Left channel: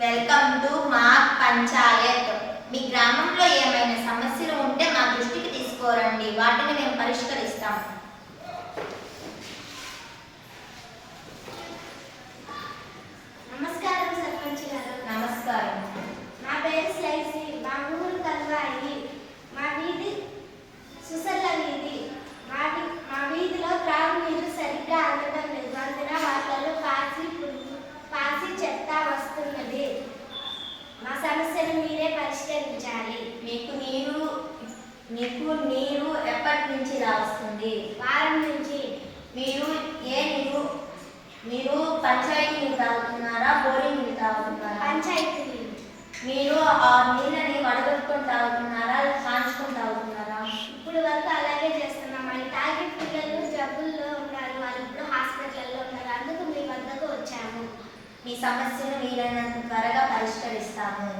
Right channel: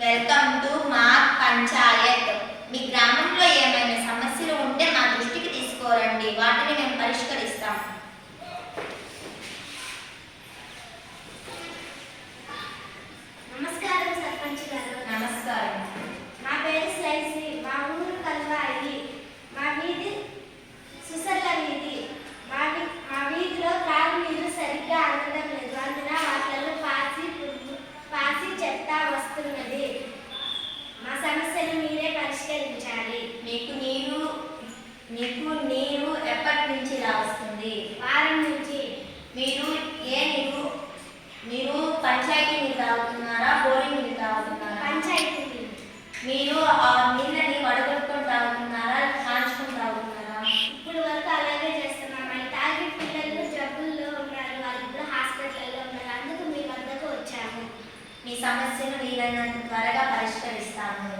Welcome to మా పంచాయత్. మీ గ్రామంలో ఏమైనా సమస్యలు ఉంటే మా దృష్టికి తీసుకోరండి, వాటిని మేము పరిష్కరిస్తాం. నమస్కారం సర్పంచ్ గారు. నమస్కారం. నా పేరు స్లైసి. మా ఊరు కల్వాయి. మా వీధి సుసర్ల వీధి. మా వీధిలో త్రాగునీరు సరిగ్గా అందడం లేదు. అందున వాటిలో పాసి చెత్త వస్తున్నది. మా సమస్యను మీరే పరిష్కరించాలి. మీకు నీరు ఎప్పటి నుంచి వస్తుంది? వారం నుంచి. మీరు పంచాయతీ నీళ్ళు తాగుతున్నారా, బోరింగ్ నీళ్ళు తాగుతున్నారా? పంచాయతీ నీళ్ళు. మీరు ఆ నీళ్ళని వడగొట్టుకొని తాగుతున్నారా, కాంచుకొని తాగుతున్నారా? ఇప్పుడు వరకు అలాగే చేస్తున్నాం. అవి తాగి పిల్లలు జబ్బుల్లో ఉన్నారు, వాళ్ళు ఇప్పుడు హాస్పిటల్లో ఉన్నారు. అందుకు మీ వద్దకు వచ్చాము. మీ సమస్యను వీలైనంత త్వరగా పరిష్కరిస్తాము.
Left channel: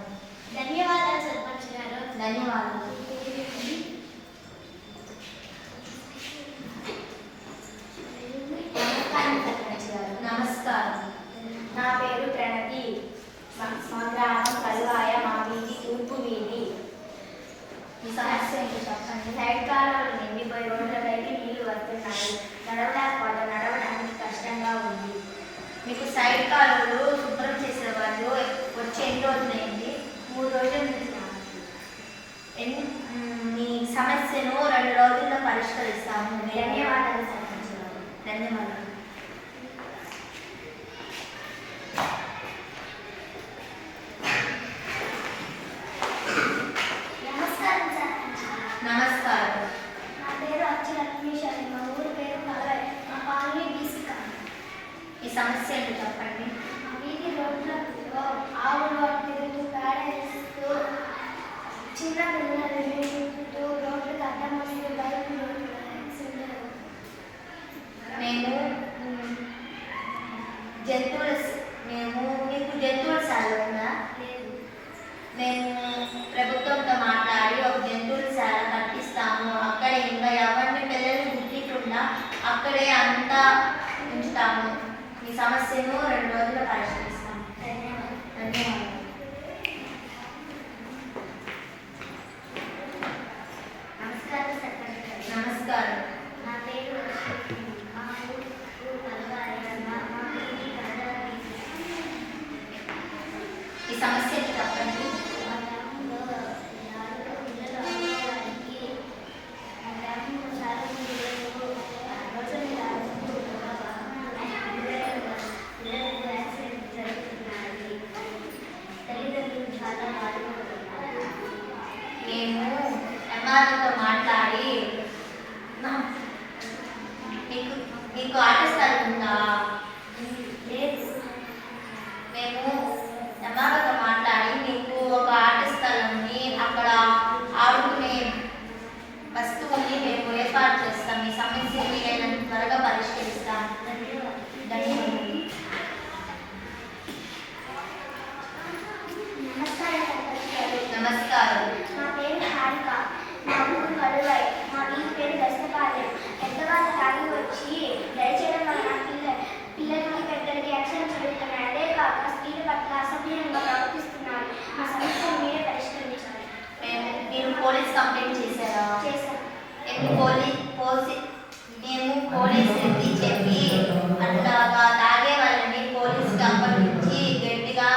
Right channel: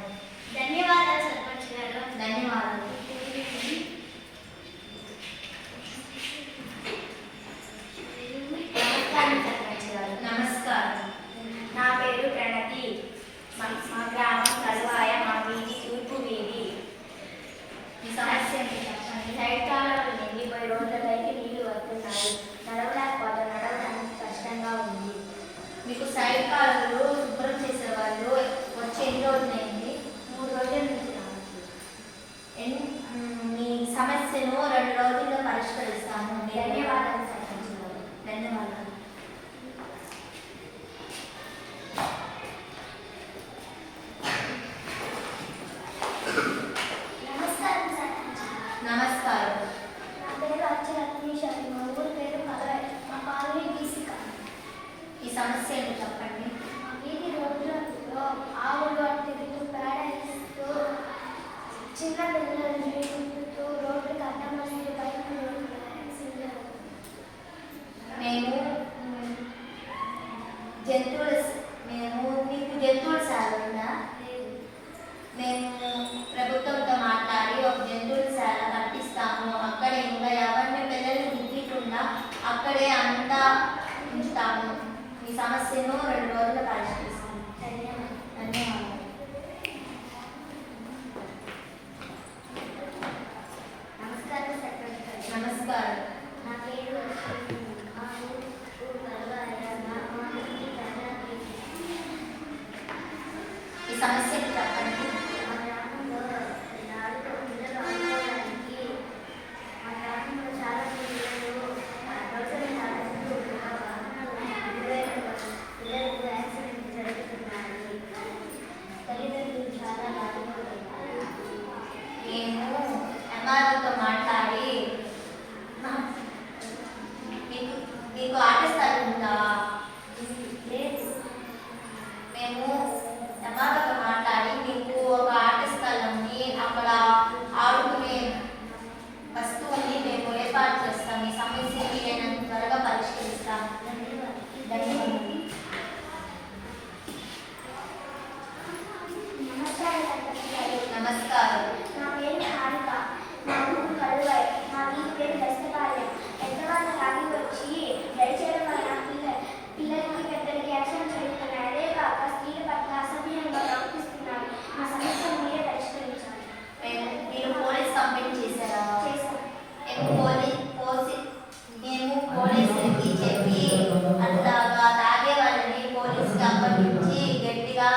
ధన్యవాదాలు సర్పంచ్ గారు. ధన్యవాదాలు. నమస్కారం సర్పంచ్ గారు. నమస్కారం. నా పేరు ప్రణతి. మా గ్రామం కలువాయ. మా వీధి తూర్పు వీధి. మీ సమస్య ఏంటి చెప్పండి. సైడ్ కాలాలు నిండిపోయి రోడ్లకైతే నీళ్లు వస్తున్నాయి. నడవడానికి కష్టంగా ఉంది. మీకు సైడ్ కాలువలు శుభ్రం చేసేవాళ్ళు వచ్చి ఎన్ని రోజులైంది? 3 రోజుల నుంచి. మీ సమస్యను 2 రోజుల్లో పరిష్కరిస్తాము. ధన్యవాదాలు సర్పంచ్ గారు. ధన్యవాదాలు. నమస్కారం సర్పంచ్. నమస్కారం. నా పేరు అక్షరత్మేశ్వరి. మా ఊరు పేరు కలవాయి. మా కాలనీ బీసీ కాలనీ. ఈ సమస్య ఏంటో చెప్పండి. మా వీధి రోడ్లలో ఆవులు తిరుగుతూ పేడేస్తూ చిన్న పిల్లలు తిరుగుతూ రోడ్లు కట్టమని బైకులు మీకు జంతువుల శాల ఉందా? మేము ప్రభుత్వంతో మాట్లాడి ఒక జంతువుల శాల కట్టిస్తాము. అక్కడే ఇంకా ఎవరిని పిల్లల్ని గుర్తికుండా అక్కడే అంతా ఉంచుతాము. మీ సమస్యను 2 రోజుల్లో పరిష్కరిస్తాము. ధన్యవాదాలు. నమస్కారం సర్పంచ్ గారు. నమస్కారం. నా పేరు మా ఊరు కలవాయ. మా వీధి కలవాయి. ఈ సమస్యను చెప్పండి. మా గ్రామంలో పిల్లలు ఆడుకోవడానికి మా గ్రామంలో చాలా పిల్లలు రోజులు తాగుతూ పిల్లలకు యాక్సిడెంట్ జరుగుతున్నాయి. తల్లిదండ్రులు చాలా బాధపడుతున్నారు. మేము ఎంఆర్ఓతో మాట్లాడి మీకు ఆట స్థలం ఉందా? లేదు. మేము ఎంఆర్ఓతో మాట్లాడి మీకు ఒక ఆట స్థలంని అక్కడ ఆడుకునే వస్తువుని మేము ఏర్పాటు చేస్తాం. ఈ సమస్య వీలైనంత త్వరగా పరిష్కరిస్తాం. ధన్యవాదాలు. నమస్కారం సర్పంచ్ గారు. నమస్కారం. నా పేరు హారిక. మా ఊరు కలువాయి. మా వీధి పేరు బెస్తపాలెం. పెద్దవాళ్ళు తాగి వచ్చి దయచేయడం వలన పిల్లలకి పెద్దలకి యాక్సిడెంట్స్ జరుగుతున్నాయి. అదే కాక స్త్రీల పట్ల అసభ్యంగా ప్రవర్తిస్తున్నారు. మా సమస్యను మీరే పరిష్కరించాలి. మీరు పోలీస్ కంప్లైంట్ చేశారా? చేశాను. మేము పోలీసులకి చెప్పి అట్లాగా తాగే వాళ్ళని పోలీసుకి అప్పగించి గట్టిగా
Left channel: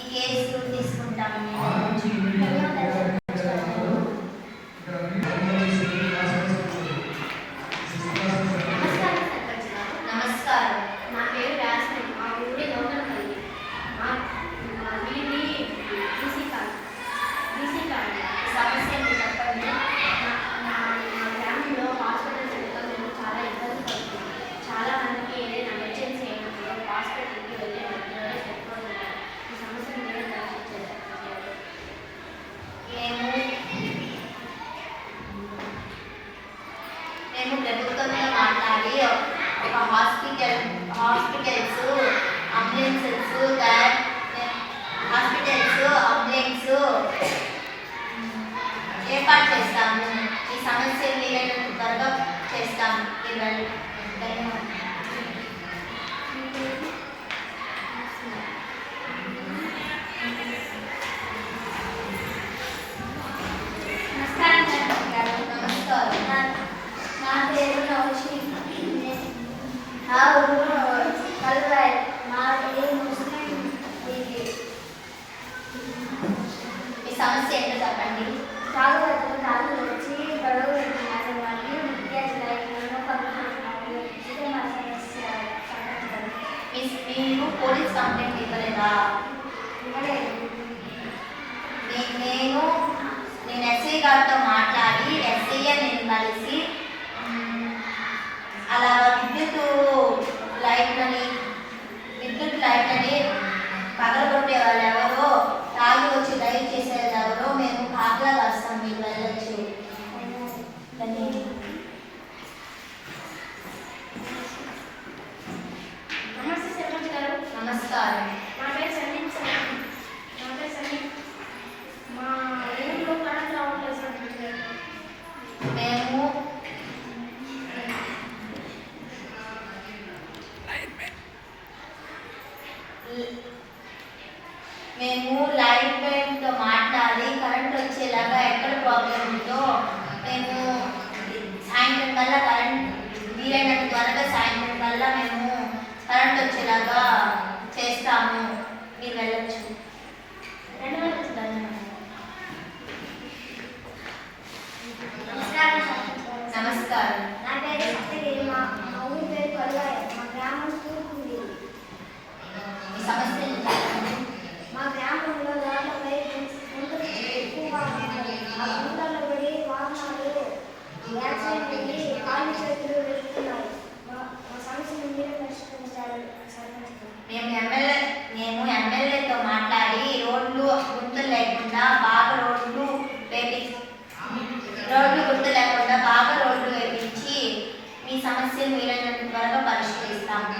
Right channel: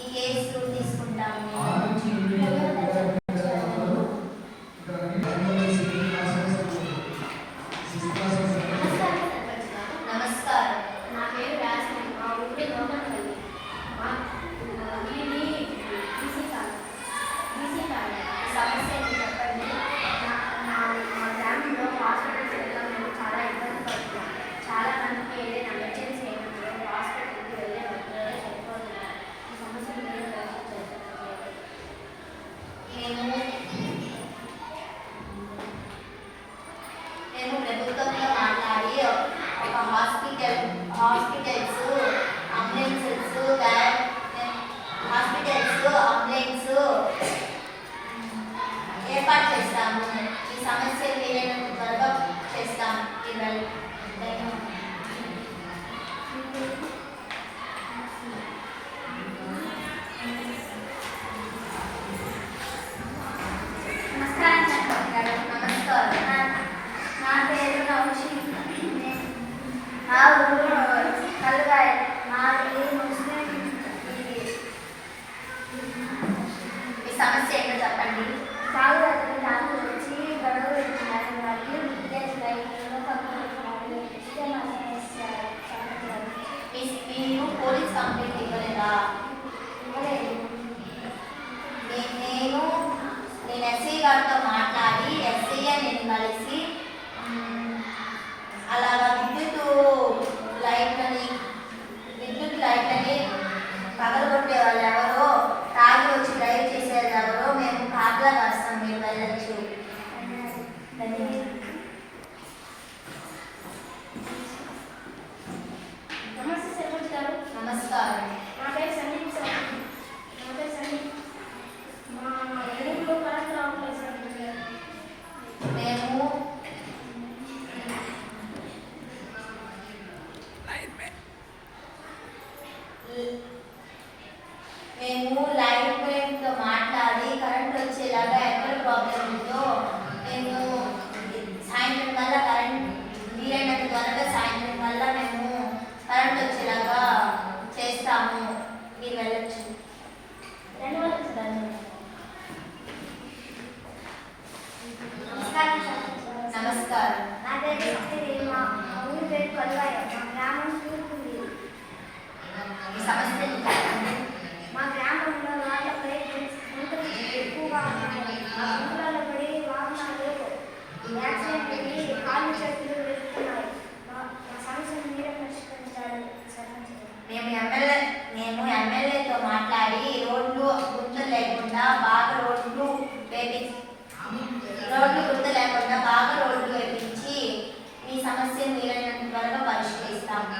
ఈ కేసు తీసుకుంటాము. నమస్కారం సర్పంచ్ గారు. నమస్కారం. నా పేరు రాజమణి. మా ఊరి నూతనపల్లి. మా వీధి బీసీ కాలనీ. సమస్య ఏంటి చెప్పండి. మా గ్రామంలో హాస్పిటల్స్ వెళ్ళడం మేము చాలా ఇబ్బంది పడుతున్నాం. చాలా మందికి ఏదైనా ఎమర్జెన్సీ అయినప్పుడు హాస్పిటల్కి వెళ్ళే మధ్యలో చనిపోతున్నారు. ఈ సమస్యను మీరే పరిష్కరించాలి. మేము ప్రభుత్వంతో మాట్లాడి ఒక హాస్పిటల్స్ అంబులెన్స్ ఏర్పాటు చేస్తాము. ఈ సమస్యలు వీలైనంత త్వరగా చేస్తాము. ధన్యవాదాలు. ఆ ఊరు కలుగాయి మాది ముస్లిం ఇది. మీ సమస్య ఏంటో చెప్పండి. తాగుబోతులు తాగులు వచ్చి గొడవ పెడుతున్నారు మరియు విద్యార్థులు పంపుతున్నారు. ఇదే మా సమస్య. మీరు పోలీస్ కంప్లైంట్ ఇవ్వలేదా? ఇవ్వలేదు. నేను ఎస్ఐ గారితో మాట్లాడి ఎస్ఐ నేను కలిసి అలాగా విద్యుత్ లైట్లని పగలగొట్టే వాళ్ళు ఎవరో, తాగి వచ్చి డ్రైవ్ చేసేది ఎవరో మేము కాపలా కాస్తాం, మీరు వెళ్ళచ్చు. నమస్తే సర్పంచ్ గారు. నమస్కారం. నా పేరు సందీప్ సార్. మా ఊళ్ళో కరెంట్ రావట్లేదు సర్పంచ్ గారు. మేము లైట్ మ్యాన్తో మాట్లాడి కరెంట్ వచ్చేలాగా ఎక్కడ ప్రాబ్లం ఉందో మేము సాయంత్రం కల్లా వీలైనంత త్వరగా సాయంత్రం కల్లా మేము కరెంట్ వచ్చేలాగా చేస్తాము, మీరు వెళ్ళచ్చు. నమస్కారం సర్పంచ్ గారు. నమస్కారం. నా పేరు సప్తగిరి. మా ఊరి పేరు కలువాయ. మా గ్రామం తూర్పుంది. మీ సమస్య చెప్పండి. మా గ్రామంలో రోడ్లపై గుంటలు ఎక్కువగా ఉన్నాయి. ఆ గుంటలలో పడి వాహనాలు యాక్సిడెంట్ అయ్యి కాళ్ళు చేతులు వెళ్తున్నాయి. మా సమస్యను మీరే పరిష్కరించాలి సర్పంచ్ గారు. మేము ఎమ్మెల్యేతో మాట్లాడి రోడ్లు గుంతలు లేకుండా బాగా రోడ్లు గుంతలు లేకుండా బాగా రోడ్లు వేపించి మీ సమస్యను వీలైనంత త్వరగా పరిష్కరిస్తాము.